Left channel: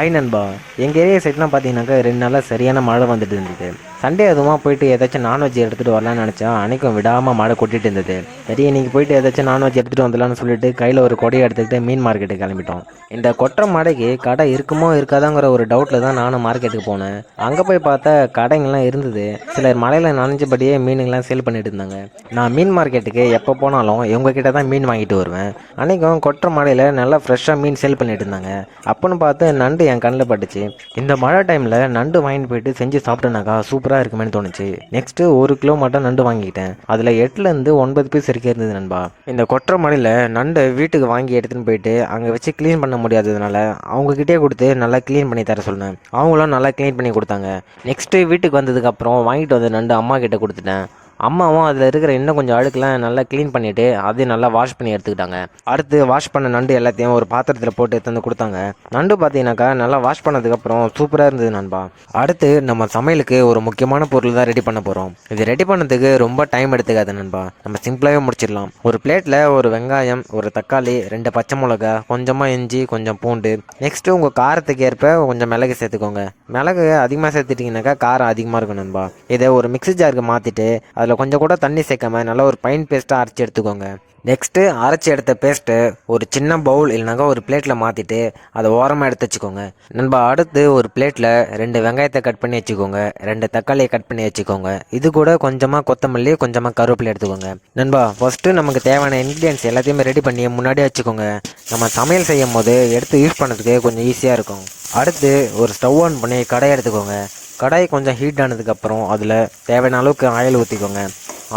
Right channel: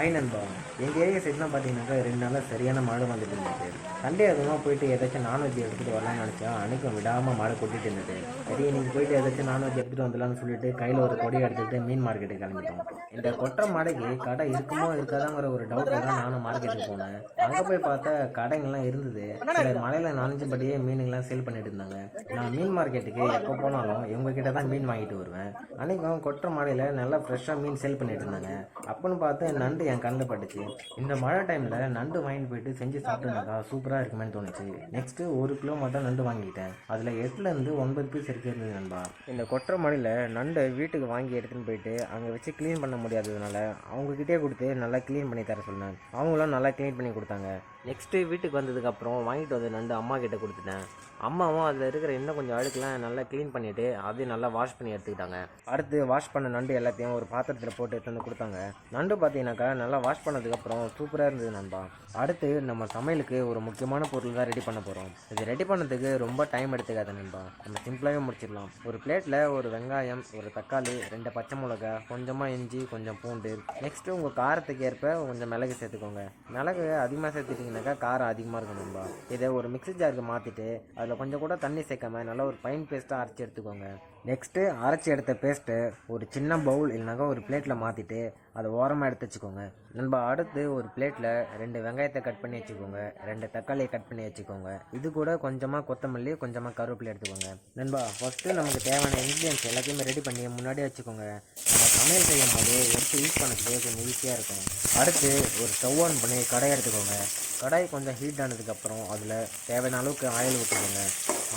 Hi நண்பா. எங்கள் area சைட்லாம் பார்த்தீங்கன்னாக்கா 2 நாளாக சரியான மழை வந்துட்டு இருந்தது. சண்டே அதுவுமா போயிட்டு ஏதாச்சும் நான்வெஜ் எடுத்துகிட்டு வரலான்னு நினச்சா அன்றைக்கும் விடாமல் மழை கொட்டிட்டு இருந்தது. சரி இன்னைக்கு போயிட்டு ஏதாச்சும் நான்வெஜ் எடுத்துகிட்டு வந்துடலான்னு சொல்லிட்டு கையில் ஒரு கொடையை எடுத்துக்கிட்டு மீன் மார்க்கெட்டுக்கு கிளம்பிட்டோம். இந்த கொற்ற மழைக்கு கடை இருக்குமோ இருக்காதாங்கிற ஒரு டவுட்டில் தான் நானும் மார்க்கெட்டுக்கு போனேன். அங்கே போய் பார்த்தா கடைங்கள்லாம் இருந்தது. சிலர் மழையில் நனைஞ்சபடியே மீனுங்கெல்லாம் சேல் பண்ணிட்டு இருந்தாங்க. நான் மீன் மார்க்கெட்டுக்கு எப்போ போனாலும் இவங்க கிட்ட தான் மீன் வாங்கிட்டு வருவேன். அன்றைக்கும் கொற்ற மழையில் நல்லா ஃப்ரெஷ்ஷாக மீன் சேல் பண்ணிட்டு இருந்தாங்க. அப்போன்னு பார்த்து நண்டு என் கண்ணில் பட்டுச்சு. இந்த மழை டைமில் நண்டு வாங்கிட்டு போயிட்டு செஞ்சு சாப்பிட்டேனாக்கா சூப்பராக இருக்குமேனு தோணுச்சு. நெக்ஸ்ட்டு 1 கிலோ மட்டும் நண்டு வாங்கிக்கிட்டேன். அதில் 8லேருந்து 9 பீஸ் வரைக்கும் இருந்தது நண்பா. இந்த கொற்ற மழையில் நண்டை வீட்டுக்கு வாங்கி எடுத்துன்னு போயிட்டு அங்கே வச்சு க்ளீன் பண்ண முடியாததுனால அவங்கக்கிட்டே கொடுத்து நல்லா க்ளீன் பண்ணி தர சொன்னேன். அவங்களும் நல்லா க்ளீன் பண்ணி கொடுத்தாங்க. நெக்ஸ்ட்டு வீட்டுக்கு வந்ததுக்கப்புறம் வாங்கிட்டு வந்த நண்டு அம்மா கிட்ட கொடுத்துட்டேன். அம்மாவும் அதில் இருக்கிற இன்னும் கொஞ்சம் அழுக்கெலாம் நல்லா க்ளீன் பண்ணிவிட்டு அதையும் நல்லா வாஷ் பண்ணி எடுத்துக்கிட்டாங்க. அடுத்து வாஷ் பண்ண நண்டு எல்லாத்தையும் ஒரு பாத்திரத்தில் போட்டு எடுத்து கொடுத்தாங்க. நண்டு பார்த்தீங்கன்னாக்கா நல்லா வாஷ் பண்ணதுக்கப்புறம் சூப்பராக இருந்தது நண்பா. அடுத்து நம்ம சமையலுக்கு ஒரு முக்கியமான பொருள் தான் ரெடி பண்ண போகிறோம். இது ரெடி பண்ணதுக்கு ரொம்ப டைம் எடுத்துக்காது நண்பா. நம்ம சிம்பிளாகவே முடிச்சிடலாம். ஒரு பிளேட்டில் ஒரு வெங்காயம், ஒரு தக்காளி, 2 பச்சை மிளகா, கொஞ்சமாக இஞ்சி, கொஞ்சம் பூண்டு. நெக்ஸ்ட்டு உங்கள் காரத்துக்கு ஏற்ப கொஞ்சம் மிளகு சேர்த்துக்கோங்க. மிளகு அதிகமாக சேர்த்துட்டிங்கனாக்கா காரம் அதிகமாக இருக்கும் நண்பா. இதை ஒரு மிக்ஸி ஜாருக்கு மாற்றிட்டு அதில் கொஞ்சம் கூட தண்ணி சேர்க்காம நல்லா ஒரு ஃபைன் பேஸ்ட்டாக அரைச்சி எடுத்துக்கோங்க. நெக்ஸ்ட்டு அரைச்சி எடுத்த பேஸ்ட்டு ஒரு சின்ன பவுல் இல்லைனாக்கா ஒரு பிளேட்டில் மாற்றிட்டு அதை ஓரமாக எடுத்து வச்சுக்கோங்க நண்பா. அடுத்து ஒரு பிளேட்டில் 2 வெங்காயத்தை கட் பண்ணி வச்சுக்கோங்க, 2 தக்காளியை கட் பண்ணி வச்சுக்கோங்க. இது கூட கொஞ்சமாக கொத்தமல்லி, கொஞ்சமாக கருவேப்பிலை எடுத்துக்கோங்க நண்பா. ஃபஸ்ட்டு நமக்கு தேவையான இன்க்ரீடியன்ஸ் எல்லாத்தையுமே ரெடி பண்ணி முன்னாடியே வச்சுக்கோங்க. நம்ம சமையல் செய்யும் போது எடுத்து யூஸ் பண்ணுறதுக்கு கொஞ்சம் ஈஸியாக இருக்கும். அடுத்து ஒரு ஸ்டவ் ஆன் பண்ணி கடாயை எடுத்துக்கோங்க. கடாய் கொஞ்சம் ஹீட் ஆனதுக்கப்புறம் அதில் தேவையான அளவுக்கு ஆயில் ஊற்றிக்கோங்க.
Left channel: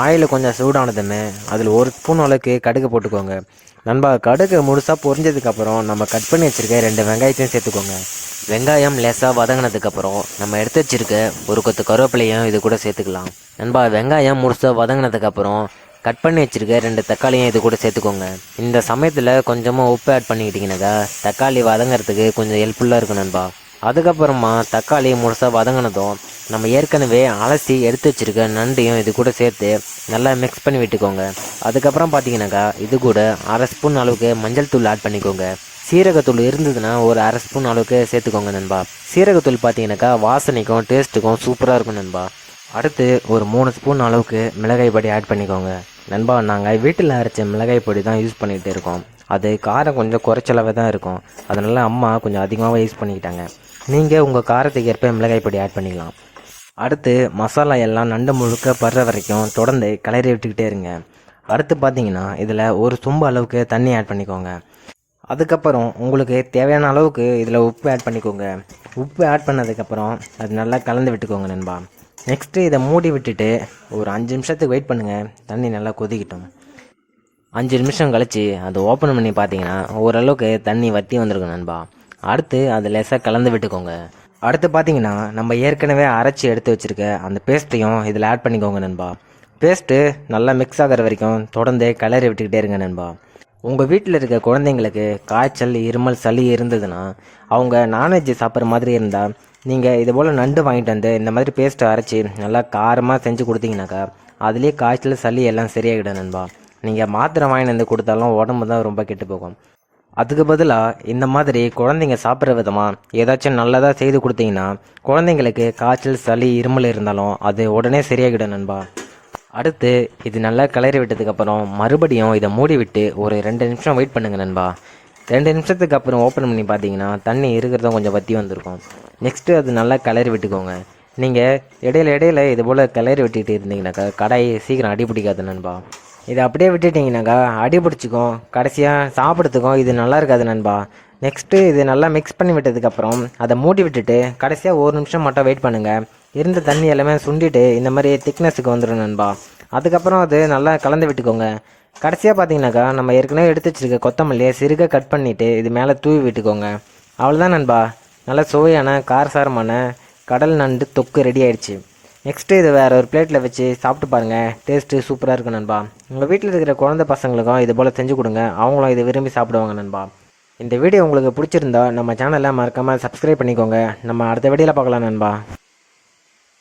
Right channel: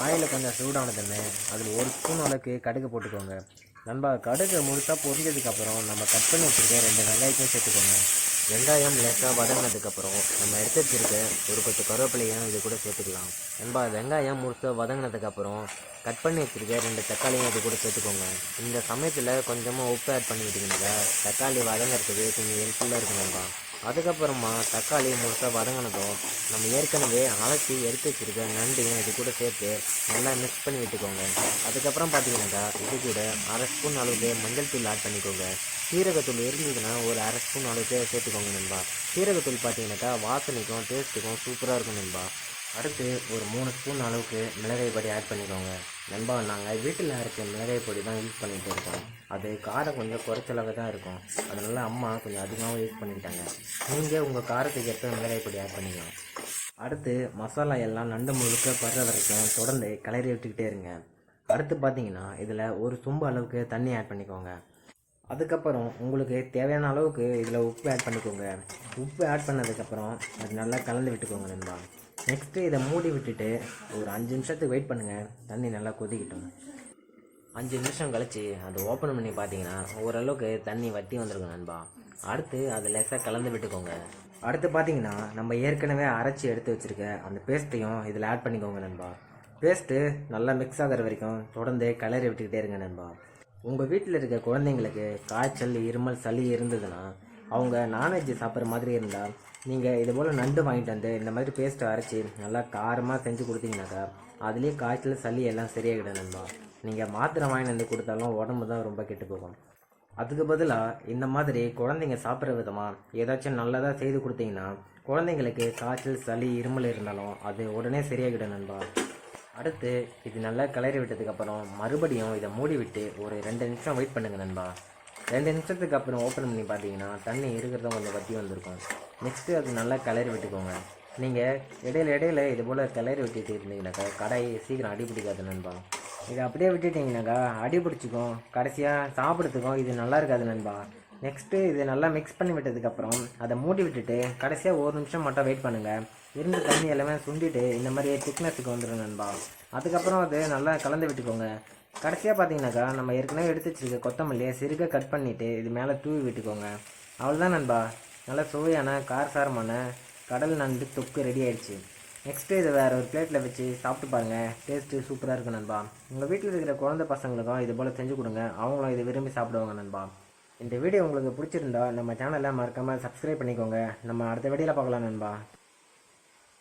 ஆயில் கொஞ்சம் சூடானதுமே அதில் 1 ஸ்பூன் அளவுக்கு கடுகு போட்டுக்கோங்க நண்பா. கடுகு முழுசாக பொரிஞ்சதுக்கப்புறம் நம்ம கட் பண்ணி வச்சுருக்க 2 வெங்காயத்தையும் சேர்த்துக்கோங்க. வெங்காயம் லேசாக வதங்கினதுக்கப்புறம் நம்ம எடுத்து வச்சுருக்க ஒரு கொத்து கருவேப்பிலையும் இது கூட சேர்த்துக்கலாம் நண்பா. வெங்காயம் முழுசாக வதங்கினதுக்கப்புறம் கட் பண்ணி வச்சுருக்க 2 தக்காளியும் இது கூட சேர்த்துக்கோங்க. இந்த சமயத்தில் கொஞ்சமாக உப்பு ஆட் பண்ணிக்கிட்டிங்கனாக்கா தக்காளி வதங்கிறதுக்கு கொஞ்சம் ஹெல்ப்ஃபுல்லாக இருக்கும் நண்பா. அதுக்கப்புறமா தக்காளி முழுசாக வதங்கினதும் நம்ம ஏற்கனவே அலசி எடுத்து வச்சுருக்க நண்டையும் இது கூட சேர்த்து நல்லா மிக்ஸ் பண்ணி விட்டுக்கோங்க. அதுக்கப்புறம் பார்த்தீங்கன்னாக்கா இது கூட 1/2 ஸ்பூன் அளவுக்கு மஞ்சள் தூள் ஆட் பண்ணிக்கோங்க. சீரகத்தூள் இருந்ததுன்னா ஒரு 1/2 ஸ்பூன் அளவுக்கு சேர்த்துக்கோங்க நண்பா. சீரகத்தூள் பார்த்தீங்கன்னாக்கா வாசனைக்கும் டேஸ்ட்டுக்கும் சூப்பராக இருக்கும் நண்பா. அடுத்து ஒரு 3 ஸ்பூன் அளவுக்கு மிளகாய் பொடி ஆட் பண்ணிக்கோங்க நண்பா. நாங்கள் வீட்டில் அரைச்ச மிளகாய் பொடி தான் யூஸ் பண்ணிகிட்டு இருக்கோம். அது காரம் கொஞ்சம் குறைச்சளவே தான் இருக்கும். அதனால் அம்மா கொஞ்சம் அதிகமாக யூஸ் பண்ணிக்கிட்டாங்க. நீங்கள் உங்கள் காரத்துக்கு ஏற்ப மிளகாய் பொடி ஆட் பண்ணிக்கலாம். அடுத்து மசாலா எல்லாம் நண்டு முழுக்க படுற வரைக்கும் தொடர்ந்து கிளறி விட்டுக்கிட்டே இருங்க. அடுத்து பார்த்தீங்கன்னா இதில் ஒரு சொம்பு அளவுக்கு தண்ணி ஆட் பண்ணிக்கோங்க. அதுக்கப்புறம் உங்களுக்கு தேவையான அளவுக்கு இதில் உப்பு ஆட் பண்ணிக்கோங்க. உப்பு ஆட் பண்ணதுக்கப்புறம் அது நல்லா கலந்து விட்டுக்கோங்க நண்பா. நெக்ஸ்ட்டு இதை மூடி விட்டுட்டு ஒரு 5 நிமிஷத்துக்கு வெயிட் பண்ணுங்கள். தண்ணி நல்லா கொதிக்கிட்டோம். 5 நிமிஷம் கழித்து அதை ஓப்பன் பண்ணி பார்த்தீங்கன்னா ஓரளவுக்கு தண்ணி வற்றி வந்திருக்கும் நண்பா. அடுத்து அது லேசாக கலந்து விட்டுக்கோங்க. அடுத்து பார்த்தீங்கன்னா நம்ம ஏற்கனவே அரைச்சி எடுத்து வச்சுருக்க அந்த பேஸ்ட்டையும் இதில் ஆட் பண்ணிக்கோங்க நண்பா. பேஸ்ட்டு நல்லா மிக்ஸ் ஆகிற வரைக்கும் தொடர்ந்து கிளறி விட்டுக்கிட்டே இருங்க நண்பா. உங்கள் வீட்டில் இருக்க குழந்தைங்களுக்கு காய்ச்சல், இருமல், சளி இருந்ததுன்னா அவங்க நான்வெஜ் சாப்பிட்ற மாதிரி இருந்தால் நீங்கள் இது போல் நண்டு வாங்கிட்டு வந்து இந்த மாதிரி பேஸ்ட்டை அரைச்சி நல்லா காரமாக செஞ்சு கொடுத்தீங்கன்னாக்கா அதுலேயே காய்ச்சல், சளி எல்லாம் சரியாகிடும் நண்பா. நீங்கள் மாத்திரை வாங்கிட்டு வந்து கொடுத்தாலும் உடம்பு தான் ரொம்ப கெட்டு போகும். அதுக்கு பதிலாக இந்த மாதிரி குழந்தைங்க சாப்பிட்ற விதமாக ஏதாச்சும் நல்லதாக செய்து கொடுத்தீங்கன்னா குழந்தைங்களுக்கு காய்ச்சல், சளி, இருமல் இருந்தாலும் அது உடனே சரியாகிடும் நண்பா. அடுத்து இது நல்லா கிளறி விட்டதுக்கப்புறம் மறுபடியும் இதை மூடி விட்டு ஒரு 2 நிமிஷம் வெயிட் பண்ணுங்கள் நண்பா. 2 நிமிஷத்துக்கு அப்புறம் ஓப்பன் பண்ணி பார்த்தீங்கன்னா தண்ணி இருக்கிறதும் கொஞ்சம் வற்றி வந்திருக்கும். நெக்ஸ்ட்டு அது நல்லா கிளறி விட்டுக்கோங்க. நீங்கள் இடையில இது போல் கிளறி விட்டுட்டு இருந்தீங்கன்னாக்கா கடாய் சீக்கிரம் அடி பிடிக்காது நண்பா. இதை அப்படியே விட்டுட்டிங்கனாக்கா அடி பிடிச்சிக்கும். கடைசியாக சாப்பிட்றதுக்கும் இது நல்லா இருக்காது நண்பா. நெக்ஸ்ட்டு இது நல்லா மிக்ஸ் பண்ணி விட்டதுக்கப்புறம் அதை மூடி விட்டுட்டு கடைசியாக 1 நிமிஷம் மட்டும் வெயிட் பண்ணுங்கள். இருந்த தண்ணி எல்லாமே சுண்டிட்டு இந்த மாதிரி திக்னஸுக்கு வந்துடும் நண்பா. அதுக்கப்புறம் அது நல்லா கலந்து விட்டுக்கோங்க. கடைசியாக பார்த்தீங்கன்னாக்கா நம்ம ஏற்கனவே எடுத்து வச்சுருக்க கொத்தமல்லியை சிறுக கட் பண்ணிவிட்டு இது மேலே தூவி விட்டுக்கோங்க. அவ்வளோதான் நண்பா. நல்லா சுவையான காரசாரமான கடல் நண்டு தொக்கு ரெடி ஆயிடுச்சு. நெக்ஸ்ட்டு இது வேறு ஒரு பிளேட்டில் வச்சு சாப்பிட்டு பாருங்கள். டேஸ்ட்டு சூப்பராக இருக்கும் நண்பா. உங்கள் வீட்டில் இருக்கிற குழந்தை பசங்களுக்கும் இது போல் செஞ்சு கொடுங்க. அவங்களும் இதை விரும்பி சாப்பிடுவாங்க நண்பா. இந்த வீடியோ உங்களுக்கு பிடிச்சிருந்தா நம்ம சேனலை மறக்காமல் சப்ஸ்கிரைப் பண்ணிக்கோங்க. நம்ம அடுத்த வீடியோவில் பார்க்கலாம் நண்பா.